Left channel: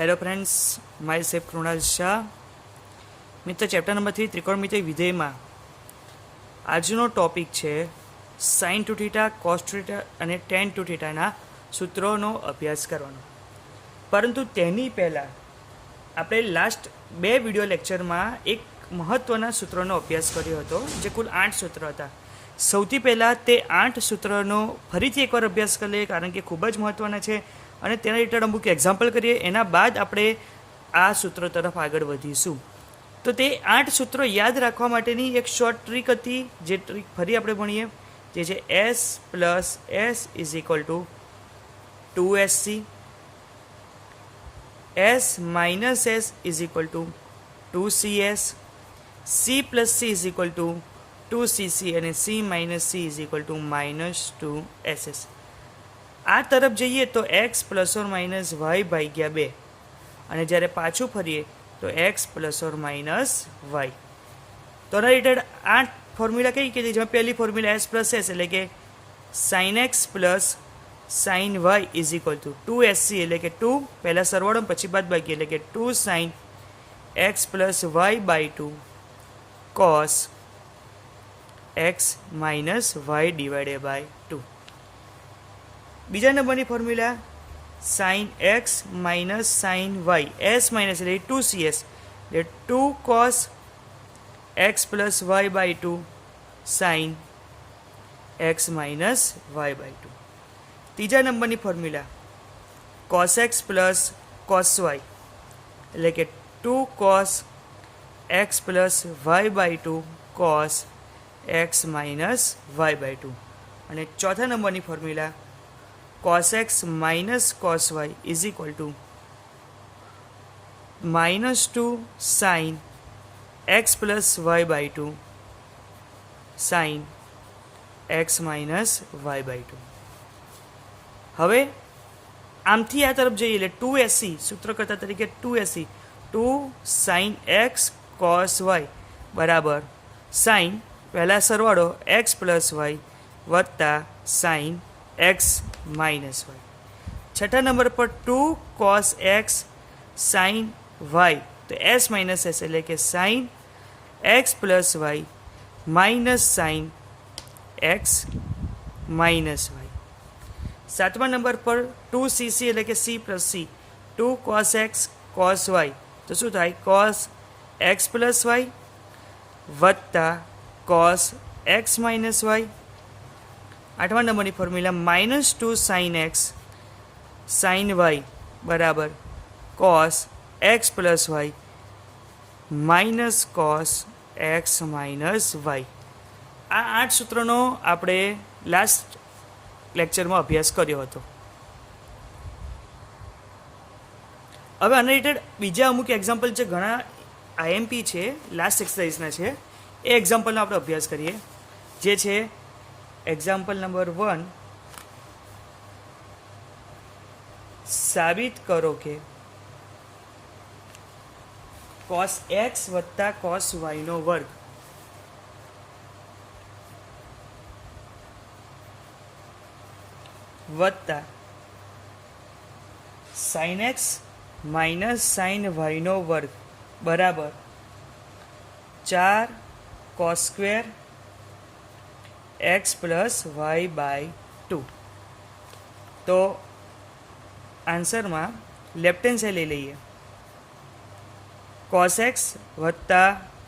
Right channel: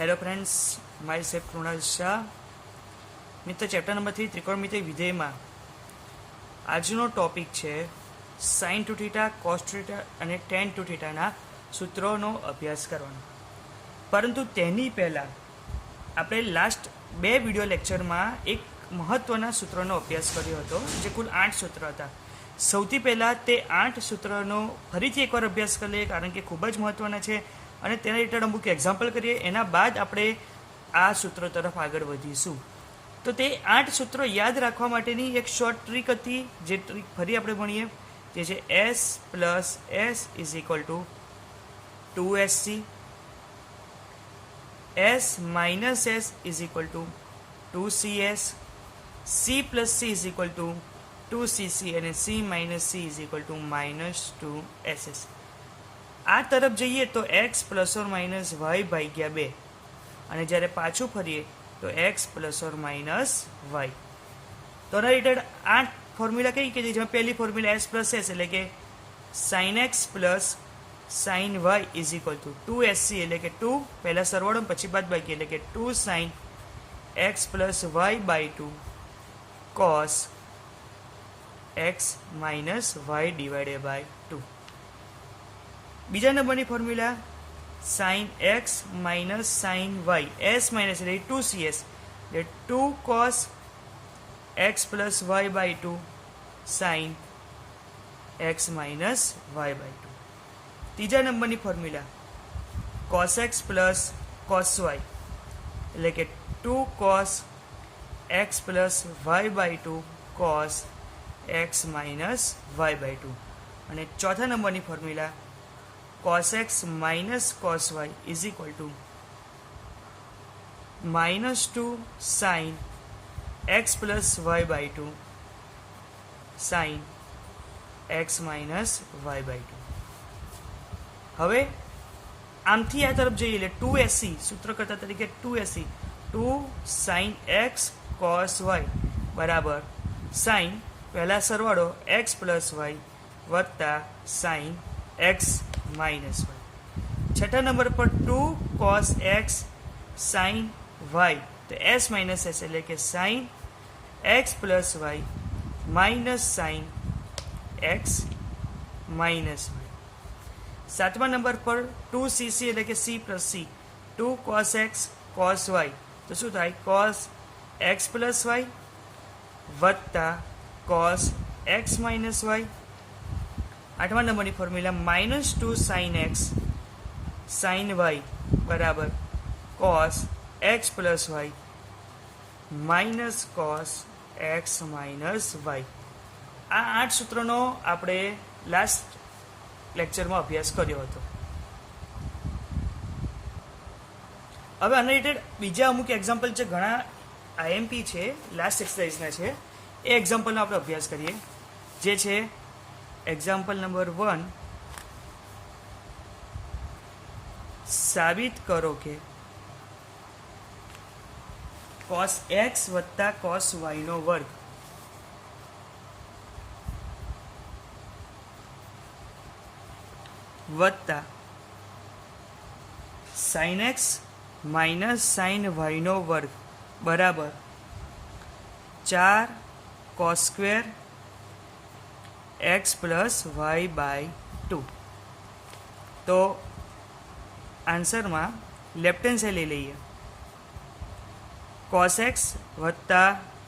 Hello friends, my safe Krunal Shah. Mitra chapter number 3 त्रिकोणमितीय विधेय में आजनो टॉपिक है sign to theta, cos two theta और टेन टू थीटा सूत्रों अभ्यास करवानो। परंतु तेनी पहला आपणे लास्ट 2 विडियो लेक्चर में एक महत्वना सूत्रों अभ्यास कर्यो हतो, जे कुल 8 सूत्र हता। सौथी पहला ते 8 सूत्रों फरीथी एकवार अभ्यास कर लीए, कारण के खूब ज महत्वना है અને તેના રિલેટેડ અમુક એક્ઝામ્પલ કરીએ। એના બાદ આપણે આ સૂત્રો તરફ આગળ વધીશું। તો તે 8 સૂત્રો યાદ રાખવા માટેની એક શોર્ટ ટ્રીક હતી, જે ટ્રીક ફરી આપણે ભણીએ, જે છે S plus S is equal to 2SC, S minus S is equal to 2CS, C plus C is equal to 2CC અને C minus C is equal to minus 2SS। આ તરફ જઈએ તો x plus or minus y ભાગ્યા 2, અને જ્યારે પાછું ફરીએ તો x plus or minus y. તો રિલેટેડ આ ફોર્મ્યુલા કઈ કીધી? જેમાં પહેલી ફોર્મ્યુલા s પ્લસ s એટલે કે sine x plus sine y is equal to 2SC એટલે કે 2 પહેલા સરવાળો પછી બાદ બાકી એટલે કે 2 sine x plus y by 2 cos x minus y divided by 2। બીજા નંબરની formula sine x minus sine y, S minus એટલે 2CS એટલે 2 cos x plus y by 2 sine x minus y by 2। ત્રીજા નંબરની formula cos x plus cos y એટલે કે 2 cos x plus y by 2 cos x minus y by 2। અને ચોથા નંબરની formula cos x minus cos y is equal to minus 2 sin x plus y by 2 sin x minus y by 2। હવે આમથી આ તરફ જઈએ એટલે 2SC સૂત્રકર્તા તરીકે 2SC 2 sin x cos y બરાબર sin પહેલા સરવાળો x plus y વત્તા sin x माइनस वाई। छठा नंबर पर 2 cos x sin y तो s माइनस एस એટલે કે sin x plus y minus sin x minus y। सातवा नंबर पर 2cc એટલે કે c plus c 2 cos x cos y तो શું થાય cos x प्लस y વત્તા cos x माइनस y। आठवा नंबर की formula minus 2 sine x sine y बराबर cos x plus y minus cos x minus y. आ 8 सूत्रों आपणे लास्ट लेक्चर में अभ्यास कर्यो हतो। हवे आना रिलेटेड बीजा अमुक एक्जाम्पल जे घणा आईएमपी छे लास्ट एक्सरसाइजना छे, ए एक्जाम्पलनो आपणे अभ्यास करीए, जे छे एग्जाम्पल नंबर 1। साबित करो कि cos x वत्ता cos y नो वर्ग वत्ता sin x minus sin y नो वर्ग बराबर 4 cos square x plus y by 2। तो आंसर में लेफ्ट हेन्ड साइड ले लीए cos एक्स वत्ता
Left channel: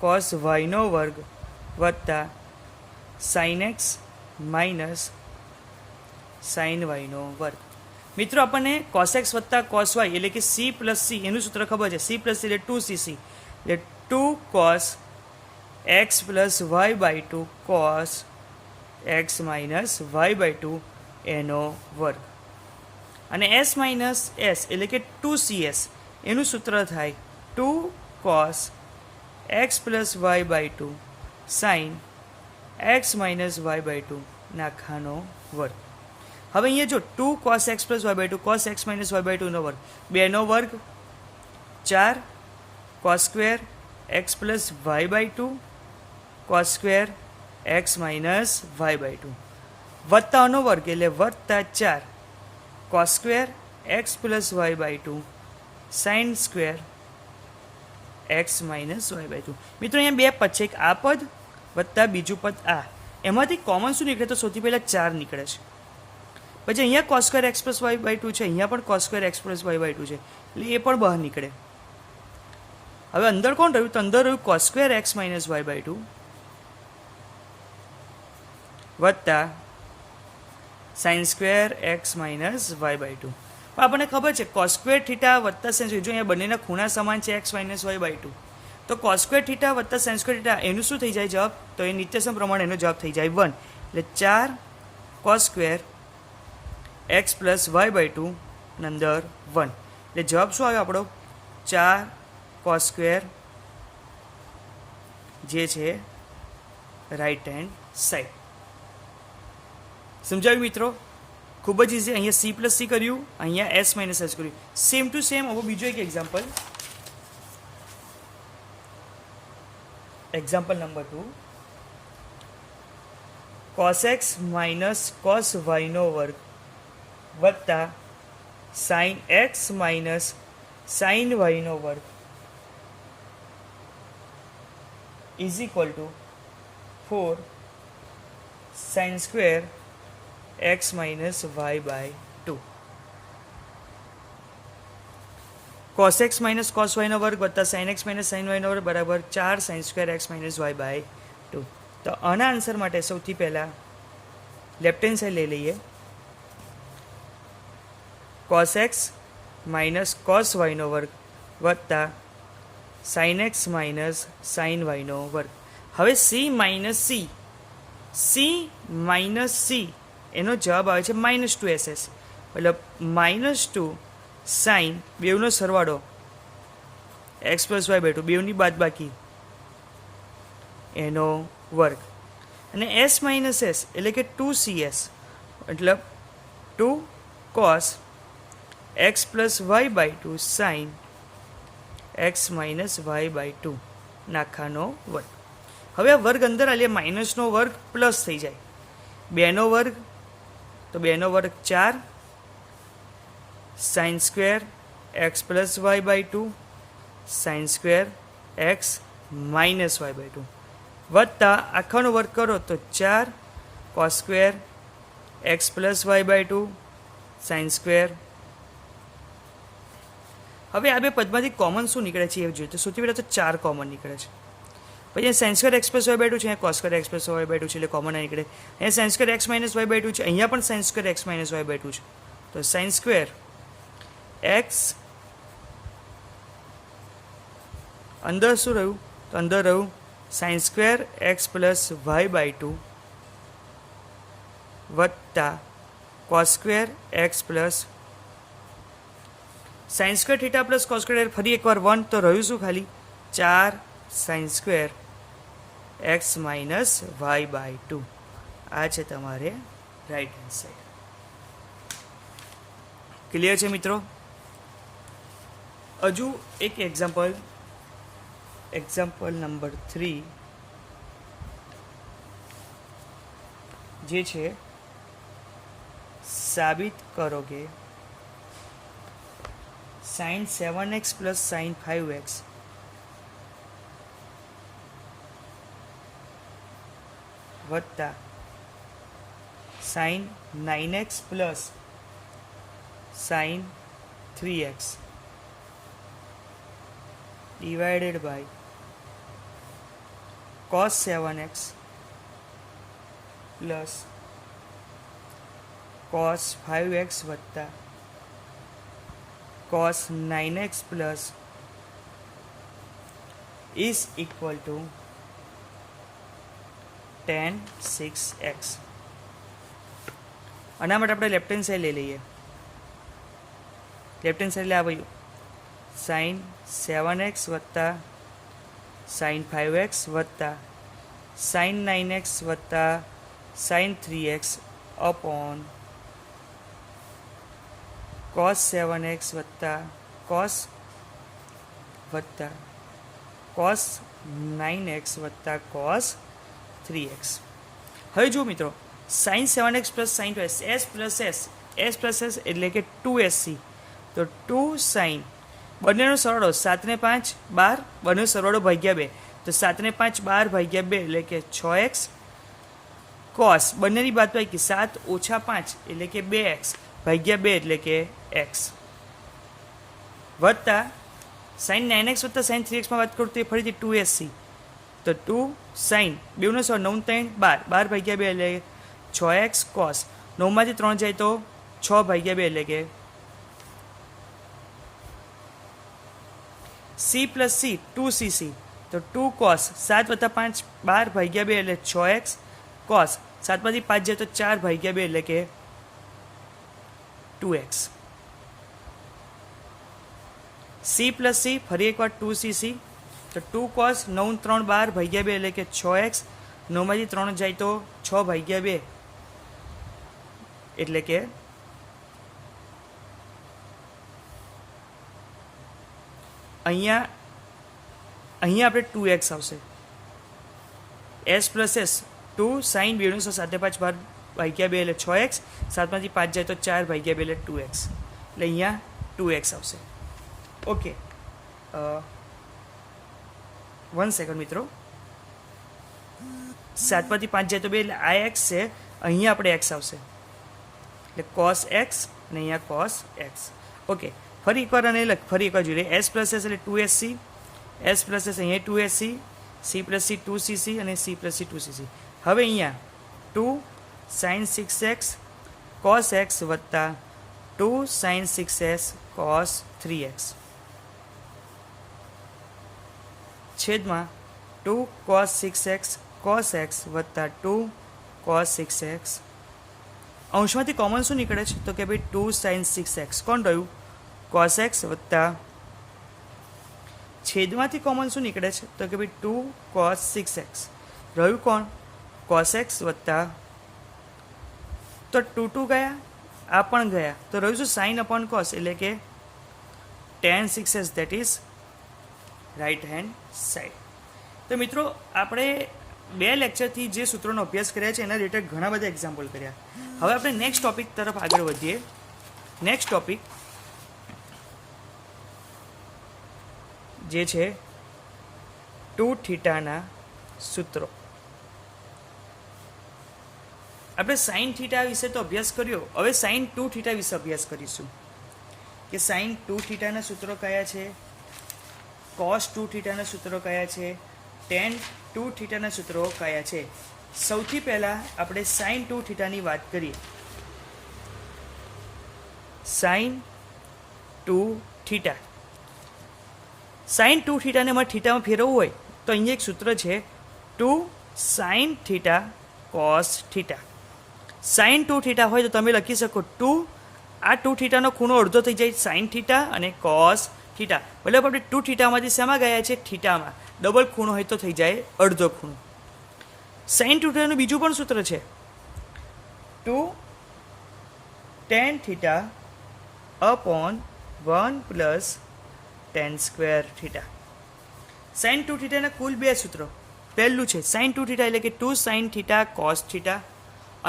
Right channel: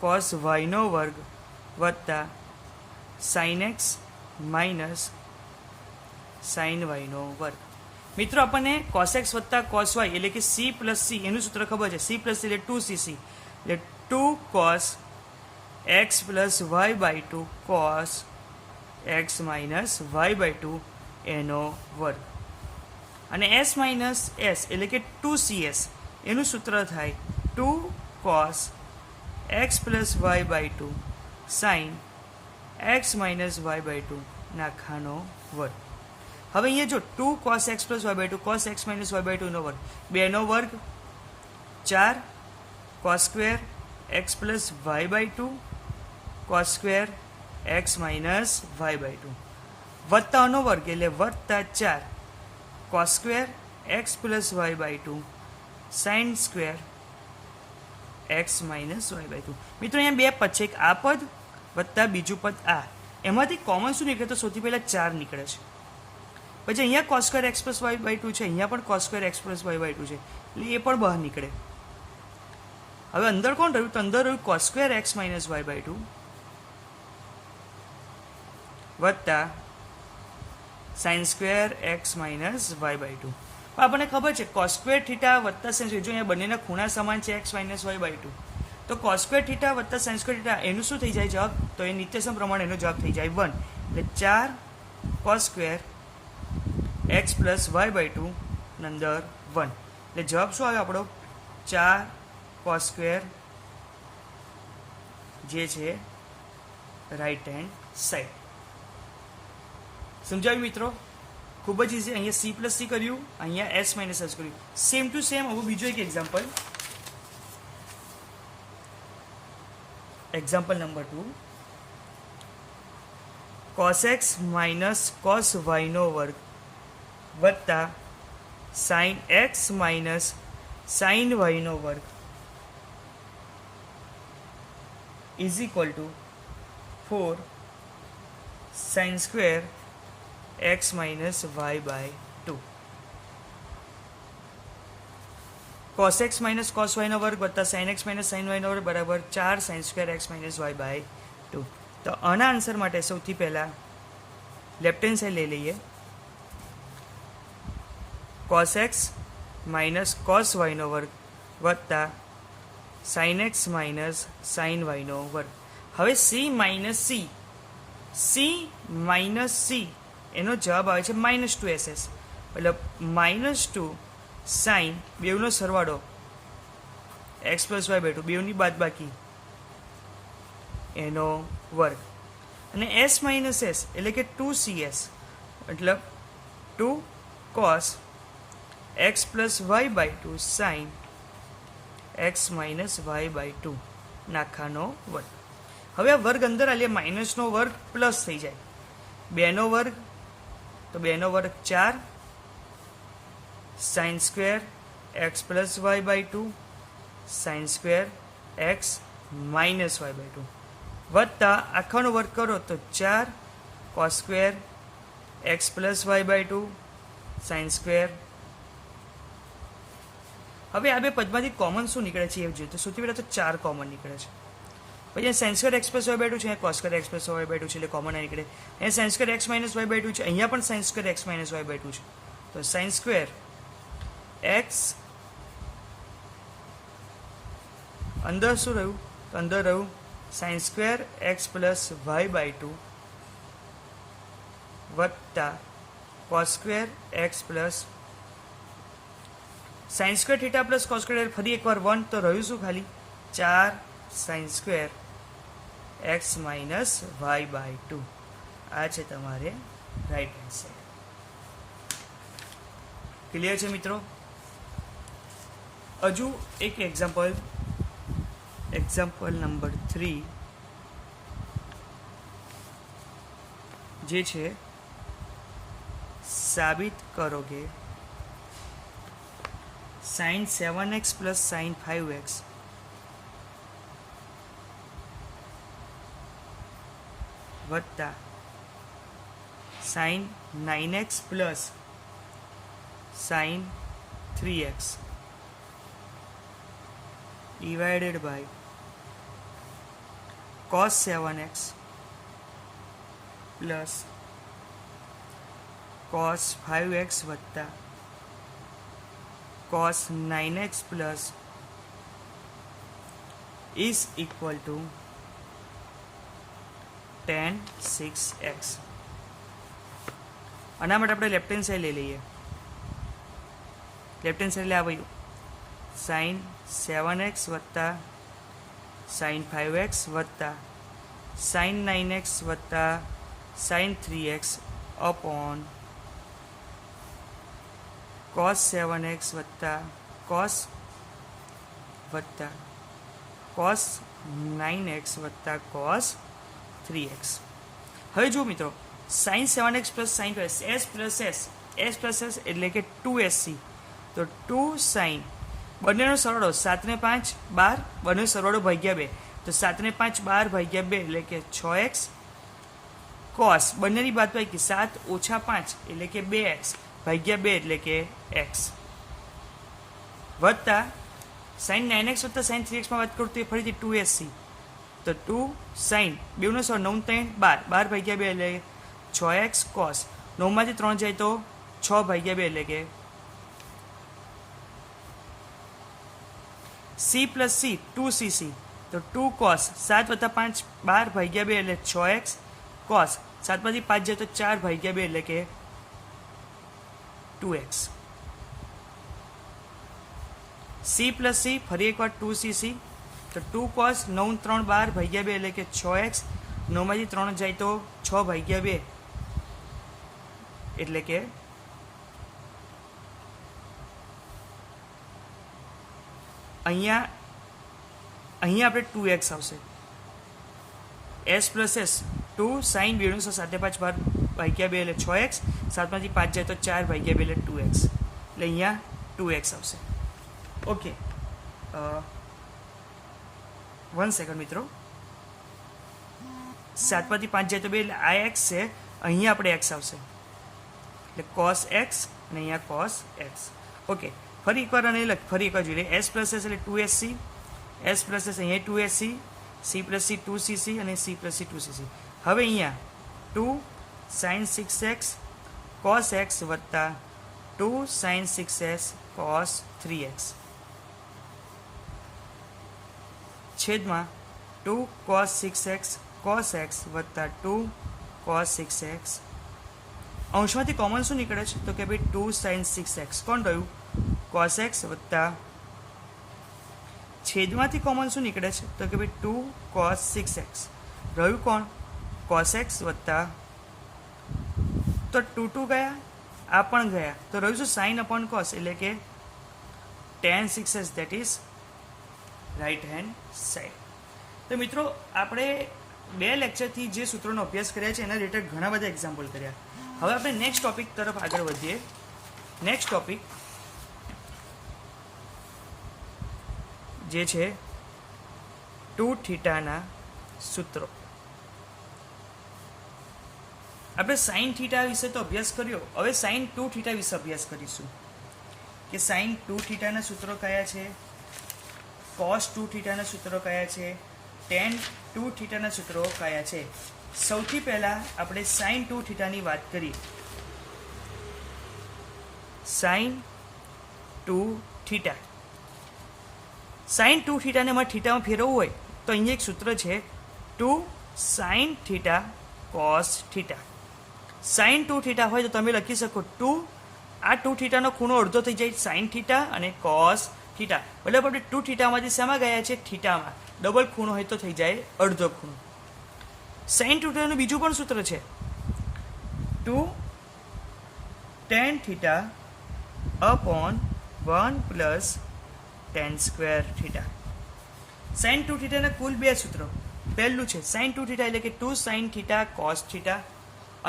cos वाय नो वर्ग वत्ता sin x minus sin y नो वर्ग। मित्रों अपने cos एक्स वत्ता cos वाय એટલે કે c प्लस c એનું સૂત્ર ખબર છે। c પ્લસ c એટલે 2cc એટલે 2 cos x plus y by 2 cos x minus y by 2 एनो वर्ग। અને s माइनस s એટલે કે 2cs એનું સૂત્ર થાય 2 cos x plus y by 2 sin x minus y by 2 નાખાનો વર્ગ। હવે અહીંયા જો 2 cos x plus y by 2 cos x minus y by 2 નો વર્ગ, 2 નો વર્ગ 4 cos square x plus y by 2 cos square x minus y by 2 वत्ता नो वर्ग એટલે વત્તા 4 cos square x plus y by 2 sine square x minus y by 2. મિત્રો અહીંયા બે પદ છે, એક આ પદ વત્તા બીજું પદ આ. એમાંથી કોમન શું નીકળે? તો સૌથી પહેલાં 4 નીકળે છે. પછી અહીંયા cos square x plus y by 2 છે, અહીંયા પણ cos square x plus y by 2 છે, એટલે એ પણ બહાર નીકળે. હવે અંદર કોણ રહ્યું? તો અંદર રહ્યું cos square x minus y by 2 વત્તા sine square x minus y by 2. આપણને ખબર છે કોસ સ્ક્વેર થીટા વત્તા સાઇન સ્ક્વેર, જો અહીંયા બંનેના ખૂણા સમાન છે એક્સ માઇનસ વાય બાય 2, તો કોસ સ્ક્વેર થીટા વત્તા સાઇન સ્ક્વેર થીટા એનું શું થઈ જાય જવાબ? તો એ નિત્યસમ પ્રમાણે એનો જવાબ થઈ જાય 1. એટલે 4 cos square x plus y by 2 અંદર 1. એટલે જવાબ શું આવ્યો આપણો? 4 કોસ સ્ક્વેર, જે છે રાઈટ હેન્ડ સાઈડ. સમજાવ્યું મિત્રો? ખૂબ જ ઇઝી. અહીંયા સી પ્લસ સી કર્યું, અહીંયા એસ માઇનસ એસ કર્યું, સેમ ટુ સેમ. હવે બીજો એક example, example number 2. Cos x minus cos વાયનો વર્ગ વત્તા સાઇન એક્સ માઇનસ સાઇન વાયનો વર્ગ is equal to 4 sine square x minus y by 2. Cos x minus cos વાયનો વર્ગ વત્તા સાઇન એક્સ માઇનસ સાઇન વાયનો વર્ગ બરાબર 4 sine square x minus y by 2. તો આના આન્સર માટે સૌથી પહેલાં લેફ્ટ હેન્ડ સાઈડ લઈ લઈએ. કોસ એક્સ માઇનસ કોસ વાયનો વર્ગ વત્તા સાઇન એક્સ માઇનસ સાઇન વાયનો વર્ગ. હવે સી માઇનસ સી એનો જવાબ આવે છે -2SS. એટલે -2 સાઇન બેવનો સરવાળો એક્સ પ્લસ વાય બાય 2, બેવની બાદબાકી એનો વર્ગ. અને એસ માઇનસ એસ એટલે કે 2CS, એટલે 2 cos x plus y by 2 sine x minus y by 2 નાખાનો વર્ગ. હવે આ વર્ગ અંદર આલે માઇનસનો વર્ગ પ્લસ થઈ જાય. 2નો વર્ગ, તો 2નો વર્ગ 4 sine square x plus y by 2 sine square x minus y by 2 વત્તા આખાનો વર્ગ કરો તો 4 cos square x plus y by 2 sine square. હવે આ બે પદમાંથી કોમન શું નીકળે છે એ જોઈએ. તો સૌથી પહેલાં તો 4 કોમન નીકળે છે. પછી sine square x plus y by 2 છે, અહીંયા cos square x plus y by 2 છે, એટલે કોમન નીકળે. અહીંયા sine square x minus y by 2 છે, અહીંયા પણ sine square x minus y by 2 છે, તો સાઇન સ્ક્વેર એક્સ અંદર શું રહ્યું? તો અંદર રહ્યું sine square x plus y by 2 વત્તા cos square x plus sine square theta plus cos square, ફરી એકવાર 1, તો રહ્યું શું? ખાલી 4 sine square x minus y by 2. આ છે તમારે રાઈટ હેન્ડ સાઈડ. ક્લિયર છે મિત્રો? હજુ એક એક્ઝામ્પલ, એક્ઝામ્પલ નંબર 3, જે છે સાબિત કરો કે sign 7x plus sine 5x વત્તા sine 9x plus sine 3x divided by cos 7x plus cos 5x વત્તા cos 9x plus is equal to tan 6x. આના માટે આપણે લેફ્ટ હેન્ડ સાઈડ લઈ લઈએ. લેફ્ટ હેન્ડ સાઈડ આવ્યું sign 7x વત્તા sign 5x વત્તા સાઇન 9x વત્તા sign 3x upon cos 7x વત્તા cos 9x વત્તા cos 3x. હવે જો મિત્રો sine 7x plus sine 2x, S plus S એટલે કે 2SC, તો 2 સાઇન બંનેનો સરવાળો 7 ને 5 12, બંનેનો સરવાળો ભાગ્યા 2, તો 7 ને 5 12 ભાગ્યા 2 એટલે કે 6x કોસ બંનેની બાદબાકી 7 ઓછા 5 એટલે કે 2x ભાગ્યા 2 એટલે કે x વત્તા sin 9x વત્તા sin 3x માં વાત કરું તો એ ફરીથી 2sc, તો 2 sin 2 નો સરવાળો 9 3 12 12 ભાગ્યા 2 એટલે 6x કોસ 9 માંથી 3 જાય તો 6 ભાગ્યા 2 એટલે કે c પ્લસ c 2cc, તો 2 cos 7 વત્તા 5 12 ભાગ્યા 2 એટલે 6x cos 7 માંથી 5 જાય તો 4 ભાગ્યા 2 એટલે કે 2x. c પ્લસ c ફરી એકવાર 2cc, તો 2 cos 9 3 12 ભાગ્યા 2 એટલે કે 6x 9 માંથી 3 જાય તો 6 ભાગ્યા 2 એટલે કે અહીંયા આપણે 2x આવશે. s પ્લસ s 2 sin 2 નો 7 5 12 ભાગ્યા 2 એટલે 6x 7 માંથી 5 જાય તો 4 ભાગ્યા 2 એટલે 2x, એટલે અહીંયા 2x આવશે. ઓકે, 1 સેકન્ડ મિત્રો. 7 માંથી 5 જાય તો 2 એટલે આ x છે, અહીંયા આપણે x આવશે એટલે cos x ને અહીંયા cos x. ઓકે, ફરી એકવાર અને ફરી એકવાર જોઈએ. s પ્લસ s એટલે 2sc, s પ્લસ s અહીંયા 2sc, c plus c 2cc અને c પ્લસ c 2cc. હવે અહીંયા 2 sin 6x cos x વત્તા 2 sin 6s cos 3x છેદમાં 2 cos 6x cos x વત્તા 2 cos 6x. અંશમાંથી કોમન શું નીકળે છે તો કે ભાઈ 2 sin 6x કોણ રહ્યું cos x વત્તા છેદમાંથી કોમન શું નીકળે છે તો કે ભાઈ 2 cos 6x રહ્યું કોણ cos x વત્તા, તો 2 2 ગયા, આ પણ ગયા, તો રહ્યું શું sin upon cos એટલે કે tan 6s, that is right hand side. તો મિત્રો આપણે 2 લેક્ચરથી જે સૂત્રોનો અભ્યાસ કર્યા છે એના રિલેટેડ ઘણા બધા એક્ઝામ્પલ કર્યા. હવે આપણે નેક્સ્ટ ટોપિક તરફ આગળ વધીએ. નેક્સ્ટ ટોપિક જે છે 2 થીટાના સૂત્રો. આપણે sin થીટા વિશે તો અભ્યાસ કર્યો, હવે sin 2 થીટા વિશે અભ્યાસ કરીશું કે sin 2 થીટાના સૂત્રો કયા છે, cos 2 થીટાના સૂત્રો કયા છે, tan 2 થીટાના સૂત્રો કયા છે. સૌથી પહેલા આપણે sin 2 થીટાની વાત કરીએ. sin 2 થીટા, sin 2 થીટાને અમારે થીટામાં ફેરવવું હોય તો અહીંયા એક સૂત્ર છે 2 sin theta cos theta. sin 2 theta હોય તો તમે લખી શકો 2, આ 2 થીટાનો ખૂણો અડધો થઈ જાય sin થીટા અને cos થીટા, એટલે આપણે 2 થીટામાંથી શેમાં ગયા છે થીટામાં, ડબલ ખૂણો હોય તો થઈ જાય અડધો ખૂણો. sin 2 થીટાનું બીજું પણ સૂત્ર છે 2 tan theta upon 1 plus tan square theta. sin 2 થીટાના કુલ 2 સૂત્રો. પહેલું છે sin 2 થીટા એટલે કે 2 sin થીટા cos થીટા,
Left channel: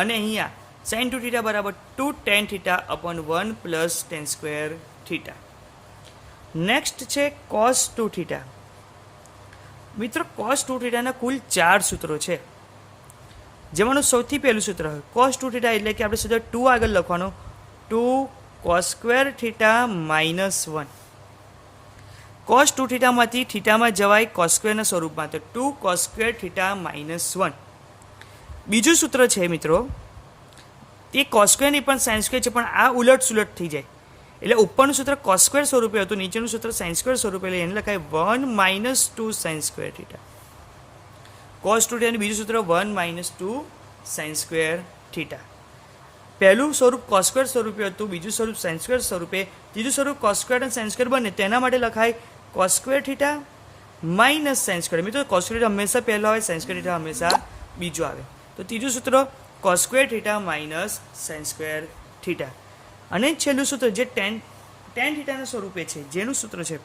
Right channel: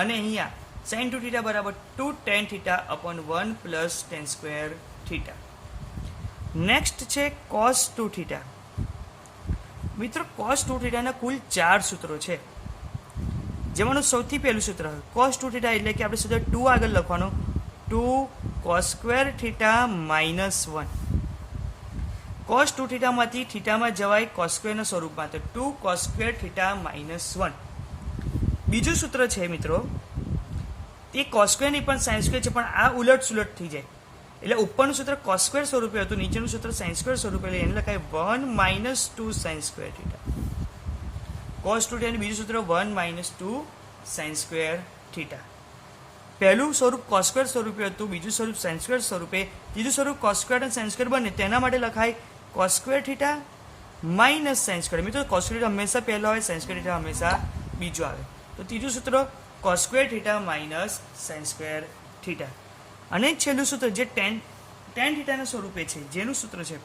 અને અહીંયા sin 2 થીટા બરાબર 2 tan theta upon 1 plus tan square theta. Next છે cos 2 થીટા. મિત્રો cos 2 થીટાના કુલ 4 સૂત્રો છે, જેમાંનું સૌથી પહેલું સૂત્ર cos 2 થીટા એટલે કે આપણે સીધો 2 આગળ લખવાનો, 2 cos square theta minus 1. cos 2 થીટામાંથી થીટામાં જવાય cos સ્ક્વેરના સ્વરૂપમાં, તો 2 cos સ્ક્વેર થીટા માઇનસ 1. બીજું સૂત્ર છે મિત્રો, તે cos સ્ક્વેરની પણ sin સ્ક્વેર છે, પણ આ ઉલટ સુલટ થઈ જાય, એટલે ઉપરનું સૂત્ર cos સ્ક્વેર સ્વરૂપે હતું, નીચેનું સૂત્ર sin સ્ક્વેર સ્વરૂપે, એટલે એને લખાય 1 minus 2 sin square theta. cos 2 થીટાનું બીજું સૂત્ર 1 માઇનસ 2 sin સ્ક્વેર થીટા. પહેલું સ્વરૂપ cos સ્ક્વેર સ્વરૂપે હતું, બીજું સ્વરૂપ sin સ્ક્વેર સ્વરૂપે, ત્રીજું સ્વરૂપ cos સ્ક્વેર અને sin સ્ક્વેર બને તેના માટે લખાય cos square theta minus sin square. મિત્રો cos સ્ક્વેર હંમેશા પહેલો આવે, sin સ્ક્વેર થીટા હંમેશા બીજો આવે, તો ત્રીજું સૂત્ર cos square theta minus sin square theta. અને છેલ્લું સૂત્ર જે tan થીટાના સ્વરૂપે છે, જેનું સૂત્ર છે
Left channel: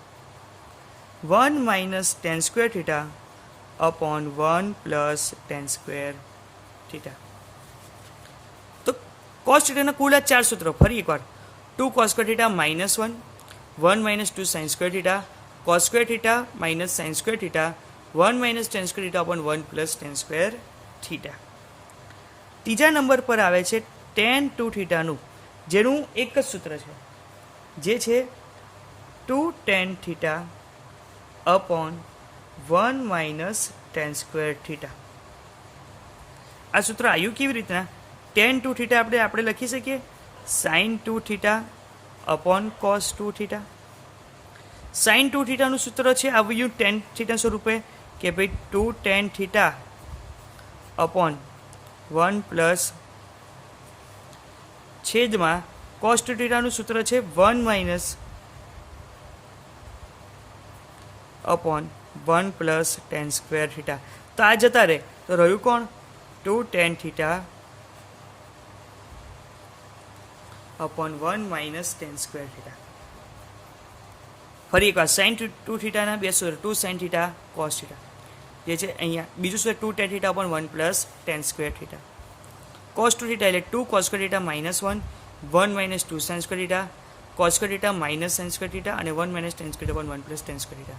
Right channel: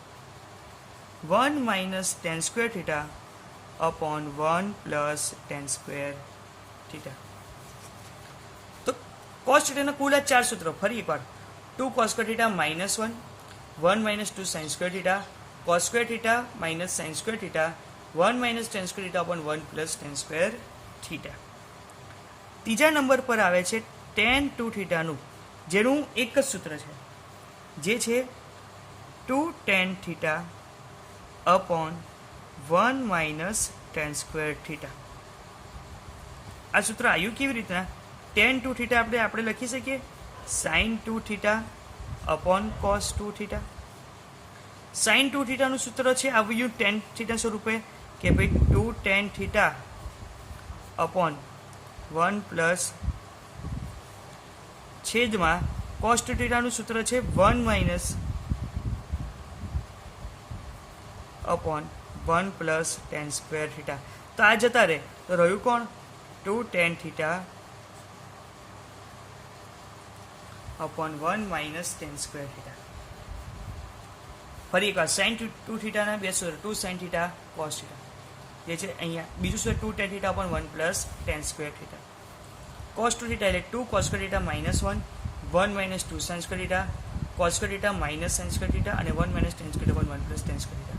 1 minus tan square theta upon 1 plus tan square theta. તો cos થીટાના કુલ 4 સૂત્રો ફરી એકવાર 2 cos square theta minus 1, 1 minus 2 sin square theta, cos square theta minus sin square theta, 1 minus tan square theta upon 1 plus tan square theta. ત્રીજા number પર આવે છે tan 2 થીટાનું, જેનું એક જ સૂત્ર છે, જે છે 2 tan theta upon 1 minus tan square theta. આ સૂત્ર આવ્યું કેવી રીતના? tan 2 થીટા આપણે લખી શકીએ sin 2 theta upon cos 2 theta. sin 2 થીટાનું સૂત્ર છે આવ્યું tan થીટા સ્વરૂપે કે ભાઈ 2 tan થીટા upon 1 પ્લસ છેદમાં cos 2 થીટાનું સૂત્ર છે 1 minus upon 1 plus tan square theta. તો આ જતા રહે તો રહ્યું કોણ? 2 tan theta upon 1 minus tan square theta. ફરી એકવાર sin 2 થીટાના બે સૂત્ર, 2 sin theta cos theta, જે છે અહીંયા બીજું સૂત્ર 2 tan theta upon 1 plus tan square theta. cos 2 theta એટલે 2 cos square theta minus 1, 1 minus 2 sin square theta, cos square theta minus sin square theta અને 1 minus tan square theta upon 1 plus tan square theta.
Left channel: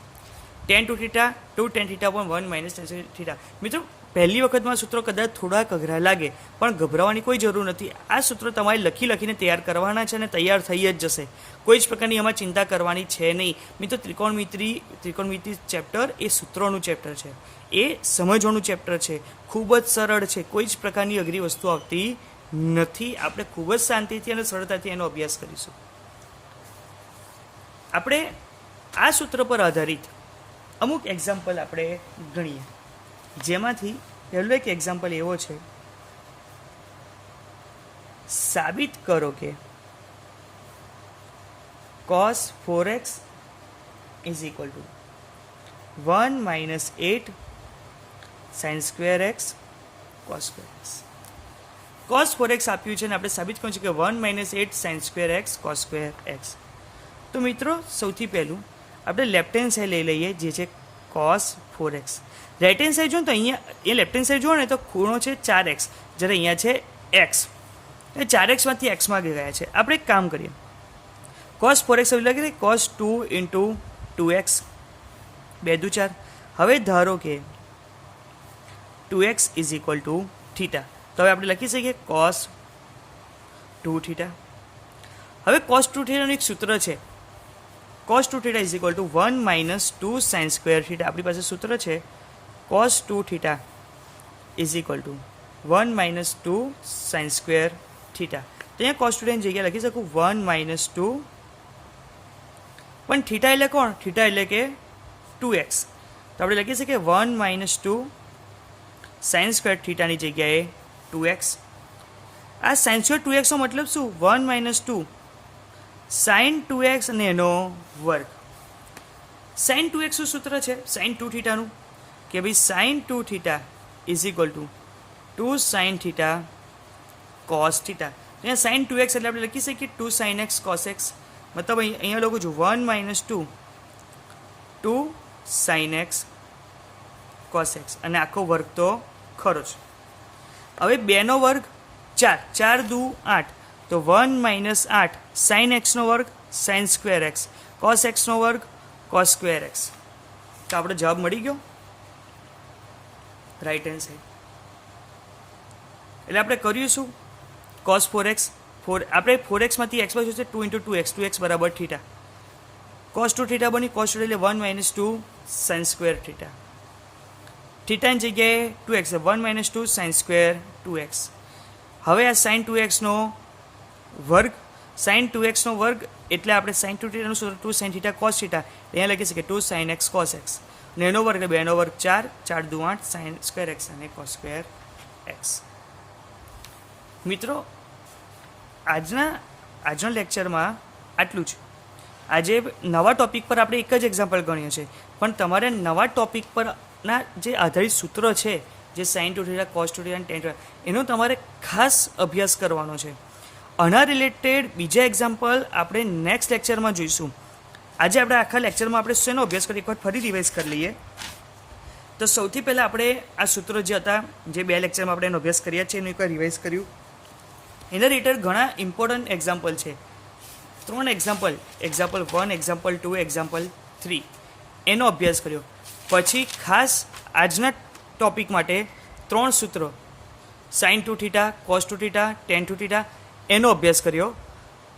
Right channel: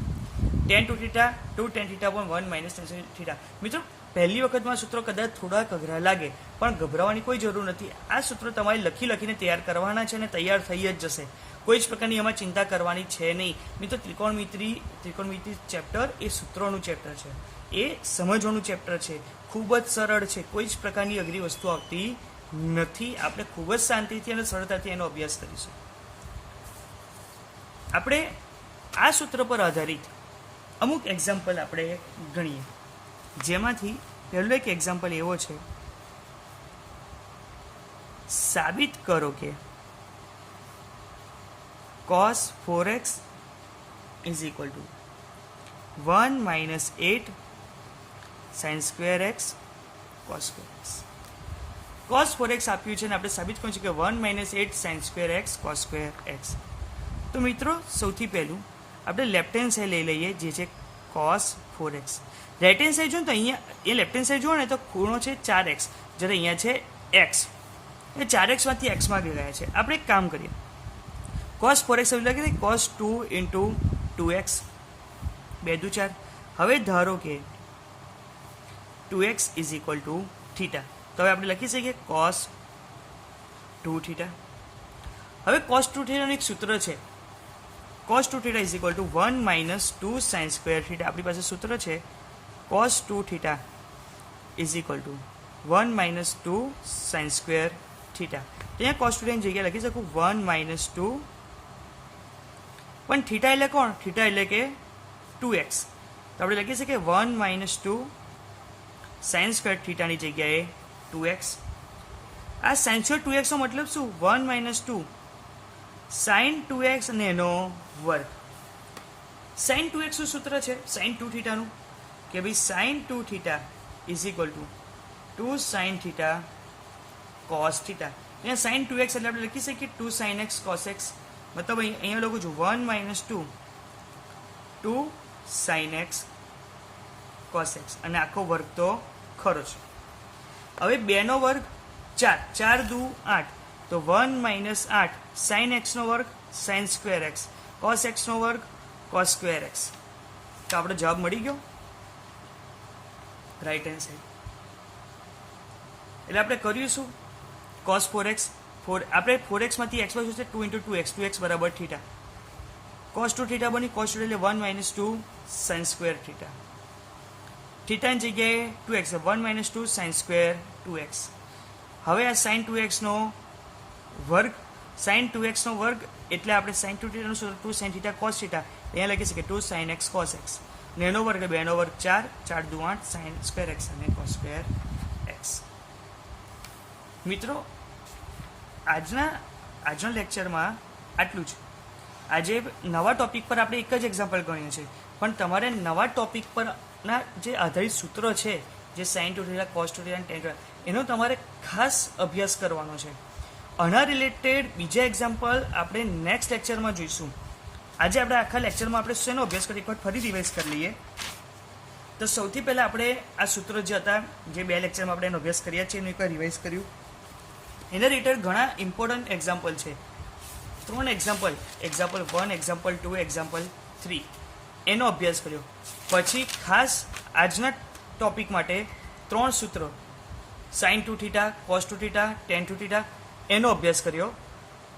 tan 2 theta 2 tan theta upon 1 minus tan square theta. મિત્રો પહેલી વખતમાં સૂત્રો કદાચ થોડાક અઘરા લાગે, પણ ગભરાવાની કોઈ જરૂર નથી. આ સૂત્રો તમારે લખીને તૈયાર કરવાના છે અને તૈયાર થઈ જ જશે. કોઈ જ પ્રકારની એમાં ચિંતા કરવાની છે નહીં. મિત્રો ત્રિકોણમિતિ ચેપ્ટર એ સૂત્રોનું ચેપ્ટર છે, એ સમજવાનું ચેપ્ટર છે, ખૂબ જ સરળ છે. કોઈ જ પ્રકારની અઘરી વસ્તુ આવતી નથી. આપણે ખૂબ જ શાંતિથી અને સરળતાથી એનો અભ્યાસ કરીશું. આપણે આ સૂત્ર પર આધારિત અમુક એક્ઝામ્પલ આપણે ગણીએ, જેમાંથી પહેલું એક એક્ઝામ્પલ એવો છે, સાબિત કરો કે cos 4x is equal to 1 minus 8 sin square x cos square x. cos 4x આપ્યું છે અને આપણે સાબિત કર્યું છે કે 1 minus 8 sin square x cos square x. તો મિત્રો સૌથી પહેલું આપણે લેફ્ટ હેન્ડ સાઈડ લઈ લઈએ, જે છે cos 4x. Right hand side જો તો અહીંયા એ લેફ્ટ હેન્ડ સાઈડ જુઓ ને તો ખૂણો છે 4x, જ્યારે અહીંયા છે x, એ 4x માંથી x માં ગયા છે. આપણે એક કામ કરીએ, cos 4x એવું લાગે cos 2 into 2x, 2 દુ 4. હવે ધારો કે 2x is equal to theta, તો હવે આપણે લખી શકીએ cos 2 થીટા. હવે cos 2 થીટાનું એક સૂત્ર છે, cos 2 theta is equal to 1 minus 2 sin square theta. આપણી પાસે સૂત્ર છે cos 2 theta is equal to 1 minus 2 sin square theta. તો અહીંયા cos 2 theta ની જગ્યાએ લખી શકું 1 minus 2, પણ થીટા એટલે કોણ? થીટા એટલે કે 2x, તો આપણે લખી શકીએ 1 minus 2 sin square theta ની જગ્યાએ 2x. આ sin square 2x નો મતલબ શું? 1 minus 2 sin 2x અને એનો વર્ગ. sin 2x નું સૂત્ર છે sin 2 થીટાનું કે ભાઈ sin 2 theta is equal two 2 sin theta cos theta. અહીંયા sin 2x એટલે આપણે લખી શકીએ 2 sin x cos x, મતલબ અહીંયા લખું છું 1 minus 2 2 sin x cos x, અને આખો વર્ગ તો ખરો છે. હવે 2 નો વર્ગ 4, 4 દુ 8, તો 1 minus 8 sin x નો વર્ગ sin square x cos x નો વર્ગ cos square x. તો આપણે જવાબ મળી ગયો રાઈટ હેન્ડ સાઈડ. એટલે આપણે કર્યું શું? cos 4x, આપણે 4x માંથી x બાજુ છે 2 into 2x, 2x બરાબર થીટા. cos 2 થીટા બની, cos 2 એટલે 1 minus 2 sin square થીટા. થીટાની જગ્યાએ 2x, 1 minus 2 sin square 2x. હવે આ sin 2x નો વર્ગ, sin 2x નો વર્ગ એટલે આપણે sin 2 થીટાનું સૂત્ર 2 sin થીટા cos થીટા, અહીંયા લખી શકીએ 2 sin x cos x, અને એનો વર્ગ એટલે 2 નો વર્ગ 4, 4 દુ 8 sin square x અને cos square x. મિત્રો આજના લેક્ચરમાં આટલું જ. આજે નવા ટોપિક પર આપણે એક જ એક્ઝામ્પલ ગણ્યું છે, પણ તમારે નવા ટોપિક પરના જે આધારિત સૂત્રો છે, જે sin 2 થીટા cos 2 થીટા અને tan 2 એનો તમારે ખાસ અભ્યાસ કરવાનો છે. આના રિલેટેડ બીજા એક્ઝામ્પલ આપણે નેક્સ્ટ લેક્ચરમાં જોઈશું. આજે આપણે આખા લેક્ચરમાં આપણે શેનો અભ્યાસ કરીએ એકવાર ફરી રિવાઇઝ કરી લઈએ. તો સૌથી પહેલાં આપણે આ સૂત્રો જે હતા, જે 2 લેક્ચરમાં આપણે એનો અભ્યાસ કર્યા છે, એનું એકવાર રિવાઇઝ કર્યું. એના રિલેટેડ ઘણા ઇમ્પોર્ટન્ટ એક્ઝામ્પલ છે, 3 એક્ઝામ્પલ 1, એક્ઝામ્પલ 2, એક્ઝામ્પલ 3 એનો અભ્યાસ કર્યો. પછી ખાસ આજના ટોપિક માટે 3 સૂત્રો sin 2θ, cos 2θ, tan 2θ એનો અભ્યાસ કર્યો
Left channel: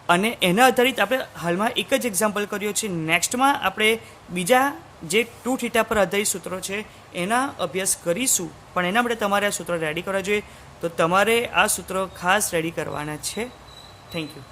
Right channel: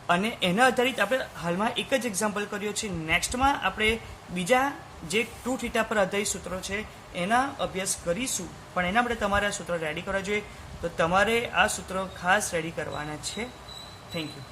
અને એના આધારિત આપણે હાલમાં એક જ એક્ઝામ્પલ કર્યો છે. નેક્સ્ટમાં આપણે બીજા જે 2θ પર આધારિત સૂત્રો છે એના અભ્યાસ કરીશું, પણ એના માટે તમારે આ સૂત્રો રેડી કરવા જોઈએ. તો તમારે આ સૂત્રો ખાસ રેડી કરવાના છે. Thank you.